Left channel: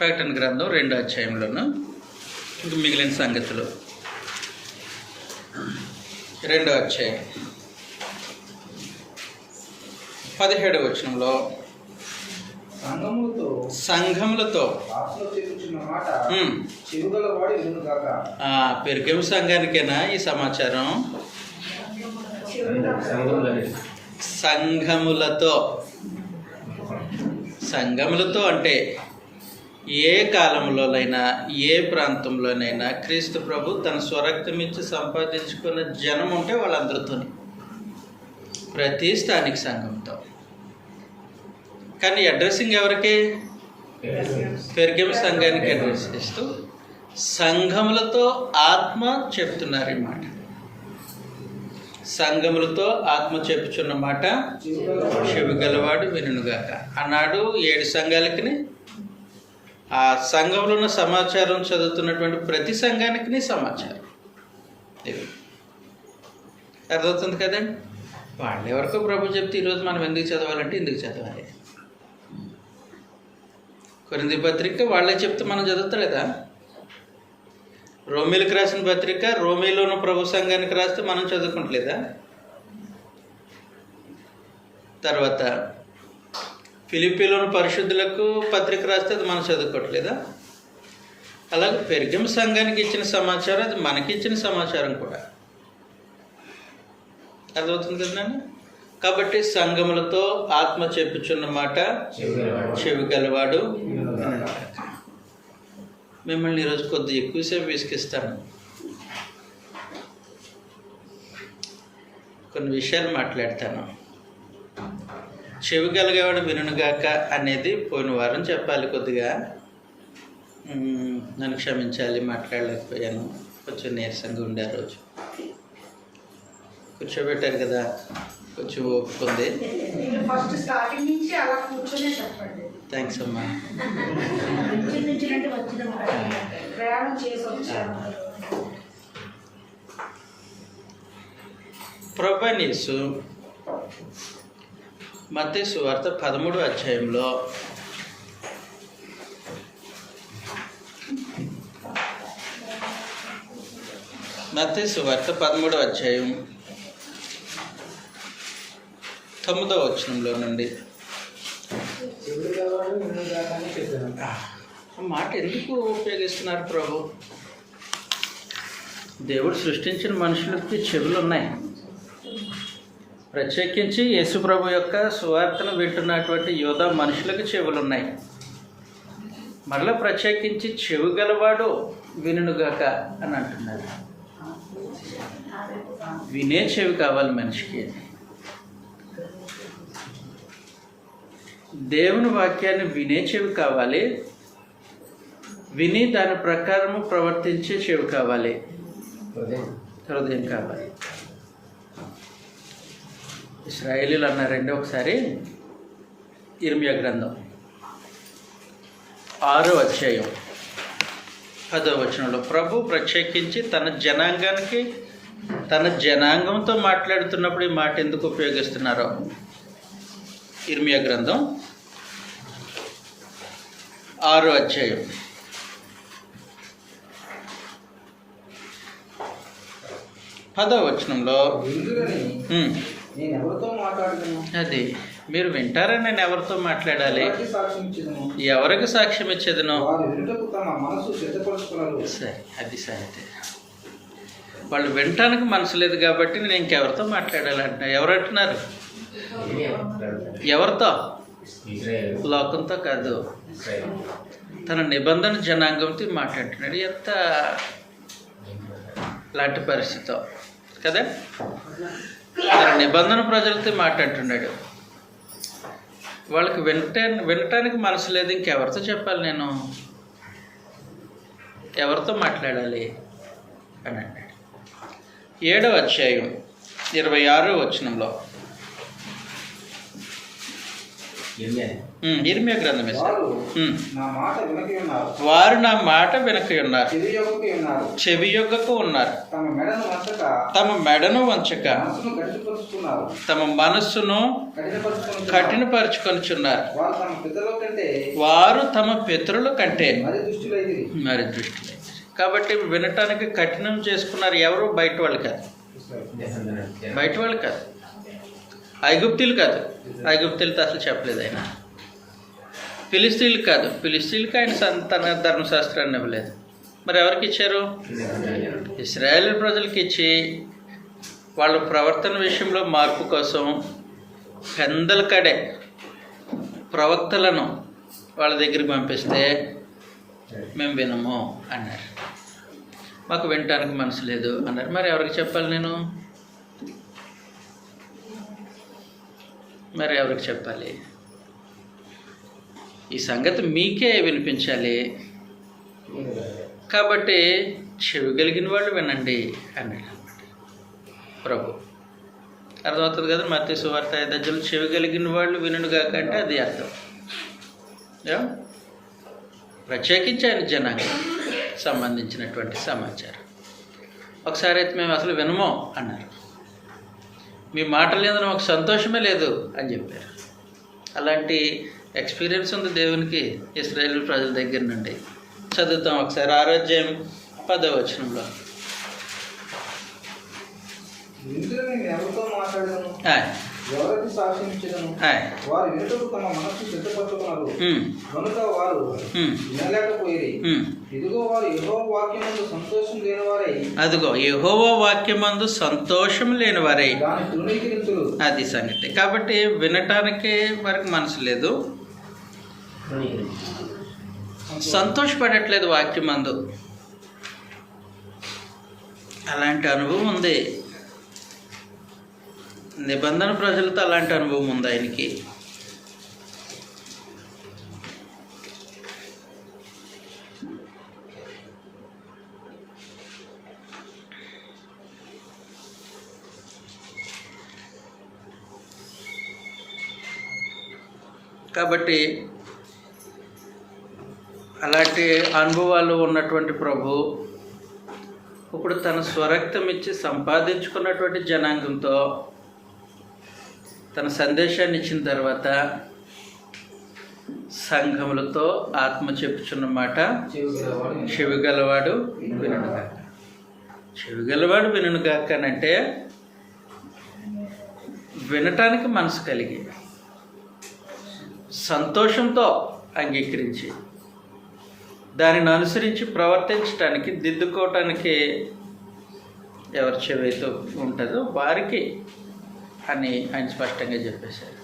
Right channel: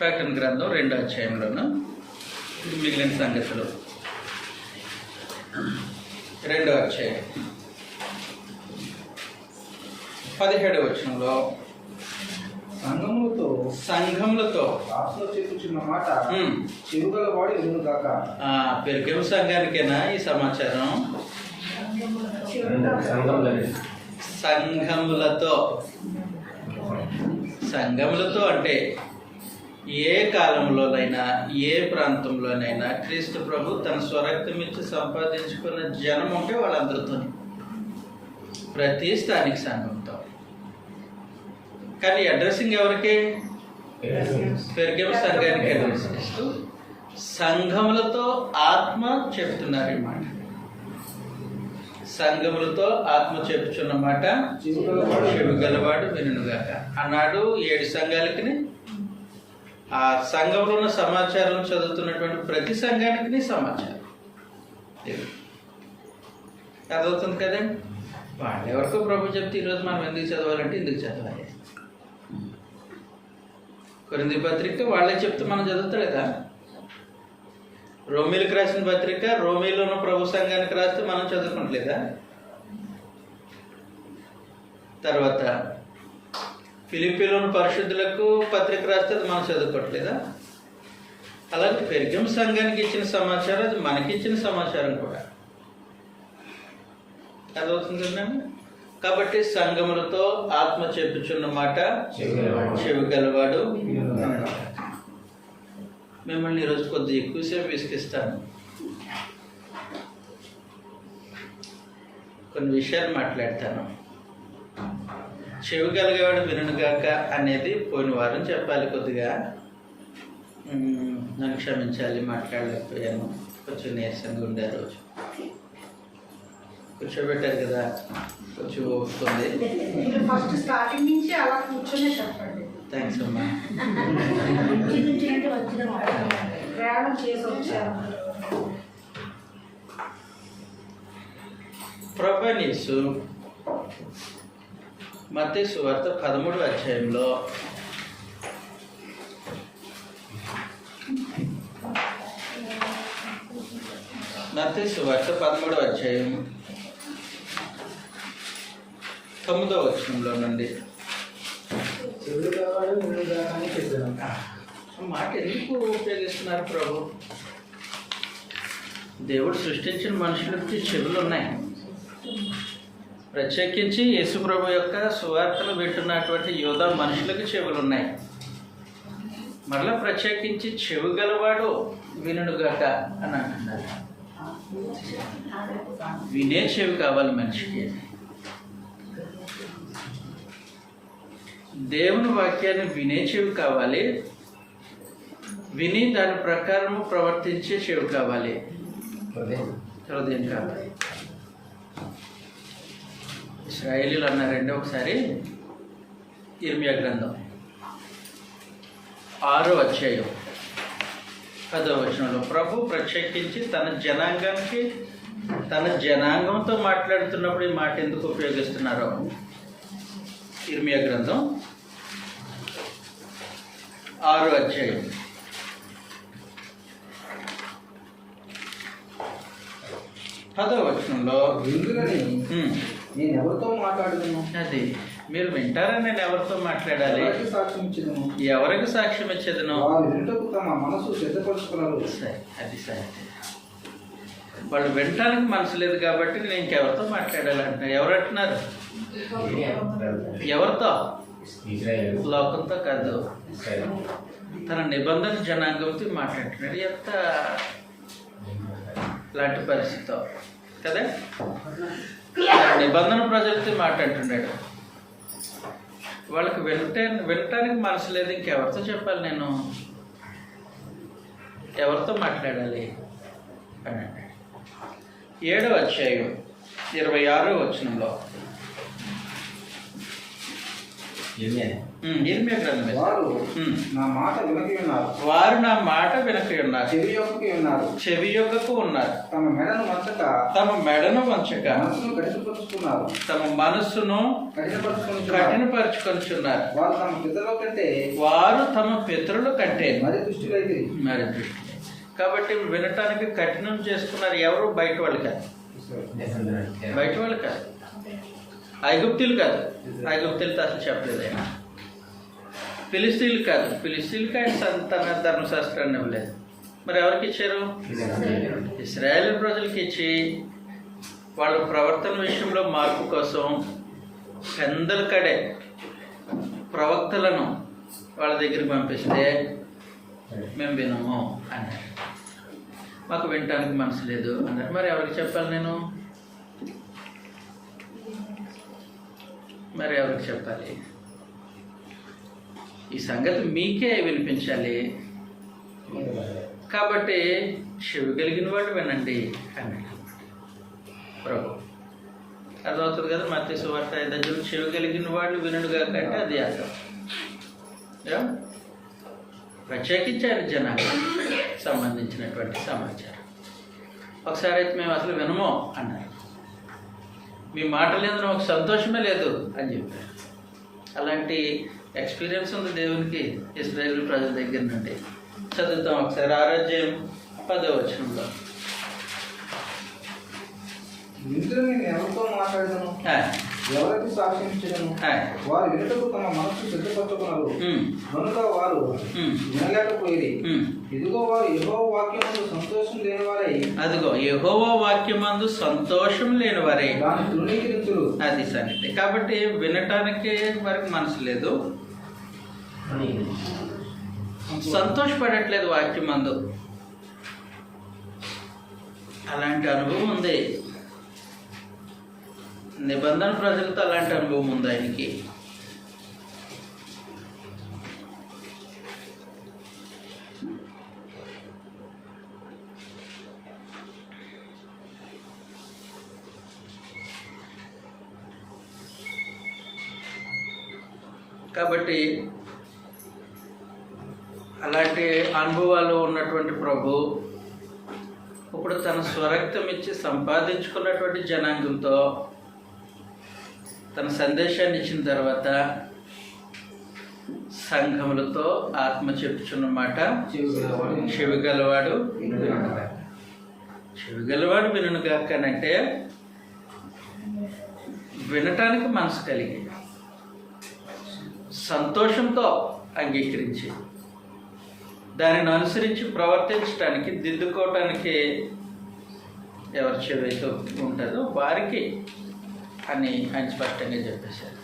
ప్రకటన గ్రంథం 2వ అధ్యాయంలోను మిగిలిన సంగతులు. 2వ అధ్యాయం 17వ వచనంలో సంఘములతో పెరుగెము సంఘానికేనా ఈ సమాచారం? సంఘములతో అంటే ఏ కాలంలోనైనా ఏ ప్రాంతంలోనైనా క్రీస్తు ప్రభు తన స్వరక్తం ఇచ్చి సంపాదించుకున్న జనం ఉంటే వాళ్ళందరితో, ప్రతి స్థానిక సంఘంతో. కానీ అడ్రస్సింగ్ ఎవరికి? పెరుగెము సంఘానికి అడ్రస్ ఇస్తూ సంఘములతో ఆత్మ చెప్తున్నారు ఈ మాట. సంఘములతో ఆత్మ చెప్పుచున్న మాట చెవి గలవాడు వినుగాక అన్నాడు. 7 సంఘాలకి ఆ సంఘంలో ఉన్న సమాచారం చదువుతున్నటువంటి ప్రతి సంఘానికి సమాచారం అర్థమవుతుంది కదండి. వాళ్ళు ఎవరికో ప్రభు చెప్తే ఈరోజు మనం ఎందుకు చదవాలంటే ఎందుకు చదవాలి? కొరింథీ పత్రిక వాళ్ళే చెప్తే మనం చదువుతలేదా? రోమీలకు రాసిన పత్రిక రోమీలోని ప్రభు సంఘానికి రాస్తే మనం చదువుకోవట్లేదా? తర్వాత ఫిలిప్పీలోని పరిశుద్ధులకు పత్రిక రాస్తే అది మనం చదువుకోవట్లేదా? అలాగే పెరుగెము సంఘానికి ఇచ్చిన సమాచారం అది మనకి ఇచ్చిన సమాచారం కూడా అర్థమవుతుంది కదా. కాబట్టి సంఘములతో ఆత్మ చెప్పుచున్న మాట చెవి గలవాడు. మిమ్మల్ని ఈరోజు కొద్దిగా ఎక్కువసేపు విసిగిస్తాను. కొన్ని విషయాలు మాట్లాడతాను. చెవి గలిగేవాడు వినుగాక అనేది పోయిన వారం చెప్పాలి. కొద్దిగా నన్ను క్షమించాలి, మాట్లాడలేకపోయాను. కొంచెం నీరసంగా ఉండే రోజు కూర్చోబెట్టారు కదా, కొంచెం ఓపుకుంది. థ్యాంక్స్ అమ్మా. ప్రభువైన యేసు మత్తయి సువార్త 13వ అధ్యాయంలో మత్తయి సువార్త 13వ అధ్యాయం 9వ వచనంలో నుండి మాట ఎందుకు ఉపయోగిస్తున్నారు ప్రభు? దేవుడు సృష్టించిన మనుషులకి చెవులు ఉన్నాయి. ప్రత్యేకించి యేసు ప్రభు యొక్క సువార్తను వింటున్నటువంటి యోధా మనుషులకు చెవులు ఉన్నాయి. మరలా ప్రత్యేకించి చెవి గలవాడు వినుగాక అని అంటున్నారు. వినే చెవి కావాలి మనిషికి. దేవుని వాక్యాన్ని వినే చెవి కావాలి, విని దాని ప్రకారము ప్రవర్తించే చెవి కావాలి, హృదయం కావాలి. ఇశ్రాయేలీలు అన్నారండి ఒకసారి ఇర్మియా గ్రంథం 6వ అధ్యాయం 10వ వచనంలో ప్రభు ప్రత్యేకించి తన జనాంగంతో మాట్లాడుతున్నప్పుడు ఈ మాట ఎందుకు ఉపయోగిస్తున్నారో ఇర్మియా గ్రంథం 6వ అధ్యాయం 10వ వచనంలో అది మీరు వింటారా? నేను ఎవరితో మాట్లాడాలి? ఎవరికి సాక్ష్యం ఇచ్చేదను? సరే, అది సరే. వాళ్ళు వినటానికి మనసు లేదు కాబట్టి నేను ఇంకెవరితో మాట్లాడాలంట. ఎవరు అంటున్నారు? ఎవరితో? లోకంతో కాదు, తన నిబంధన జనాంగంతో మాట్లాడుతున్నాడు. ఎంత లాంటి పరిస్థితి కదా. తన నిబంధన ప్రజలతో మాట్లాడుతున్నాడు. వాళ్ళకి వినటానికి మనసు లేదు. ఇంకెవరితో చెప్పాలి? నేను ఎవరితో మాట్లాడాలి అని అన్నాడు. 7వ అధ్యాయం 26వ వచనంలో ఇర్మియా గ్రంథమే సార్. వారు నా మాట వినకి ఉన్నారు, వారు నా మాట వినక ఉన్నారు, చెవి యొక్కకి ఉన్నారు, చెవి యొక్కకు ఉన్నారు, తమ మెడను వంచక, తమ మెడను వంచక, మనసును గట్టిపరుచుకున్నారు, తమ మనస్సును కఠినపరుచుకొనుచున్నారు. వారు తమ పితరుల కంటే, వారు తమ పితరుల కంటే మరి దుష్టులైతిరి. మరి దృష్టి. కాబట్టి వినటానికి కఠినం చేసుకున్నారు. ఎవరు? బయట వాళ్ళు కాదు, బయట వాళ్ళు కాదు, ఐగుప్తీలు కాదు. ఐగుప్తీలతో అసలు చెప్పలేదు ఆయన. ఫిలిస్తీన్లు కాదు, ఫిలిస్తీన్లకి ఆయన సంతాన ధర్మశాస్త్రాన్ని ఇవ్వలేదు. మరి ఎవరికి ఇచ్చారు? ఇశ్రాయేలు ప్రజలకి ఇచ్చి వాళ్ళ ప్రవర్తన విషయంలో మార్పు కోసం పెందల కడే ప్రవక్తలను వాళ్ళ దగ్గరికి పంపిస్తే మేము వినము అన్నారు. మాకు వినటానికి మనసు లేదు అన్నారు. మరి ఎవరికి చెప్పాలి నేను? మరి ఎవరికి చెప్పాలి? ఈ సంగతి మీకే వినిపించాలి. కాబట్టి చెవి కలిగిన వాళ్ళు వినండి అన్నాడు ప్రభు. అర్థమవుతుంది కదా? మత్తయి సువార్త 5 చెవి కలిగిన వాళ్ళు వినుగాక అంటే అది అర్థం. ప్రత్యేకించి ఆయన జనానికి సంబంధించినటువంటి సమాచారం. ఒకసారి అయితే మేము అసలు వినము అన్నారు. మీ మాట లేదని మాకు సంతోషమే లేదు అని చెప్పారు. అలాంటి ఎక్స్పీరియన్స్ ఉంది దేవునికి ఇశ్రాయేలు ప్రజల దగ్గర నుండి. చదువుతాం ఒకసారి 6వ అధ్యాయం 10వ వచనంలో. ఎవరికి సాక్షించను, వారు వినుటకు తమ మనస్సు సిద్ధపరచుకున్నారు, కనుక వారు వినలేకపోయి. ఇదిగో వారు యెహోవా వాక్యమందు సంతోషం లేనివారై, అదిగో యెహోవా వాక్యమందు సంతోషం లేనివారై దాన్ని తృణీకరించురు. అది సంగతి. కాబట్టి వినటానికి వారికి మనసు లేదు, సంతోషపడట్లేదు వాక్యమందు. అలాంటి అనుభవం ఉంది. నిబంధన ప్రజలతో అలాంటి అనుభవం ఉంది ఆయనకి. కాబట్టి అలాంటి అనుభవాలు ఉన్నటువంటి ప్రభు ఇప్పుడు తన స్వరక్తం ఇచ్చి సంపాదించుకున్నటువంటి జనాంగంతో తన సందేశాన్ని ఇచ్చిన తర్వాత సంఘములతో ఆత్మ చెప్పుచున్న మాట చెవిగలవాడు వినుగాక. చెవిగలవాడు వినుగాక అంటే వినటానికి మనసు కలిగి సంతోషంతో అంగీకరించి దానిని అనుసరించి ప్రవర్తించడానికి దిద్దుకోవటానికి ఎవరి చెవితో ఉంటుందో వారికి అని ఆయన స్పష్టంగా చెప్పేశారు.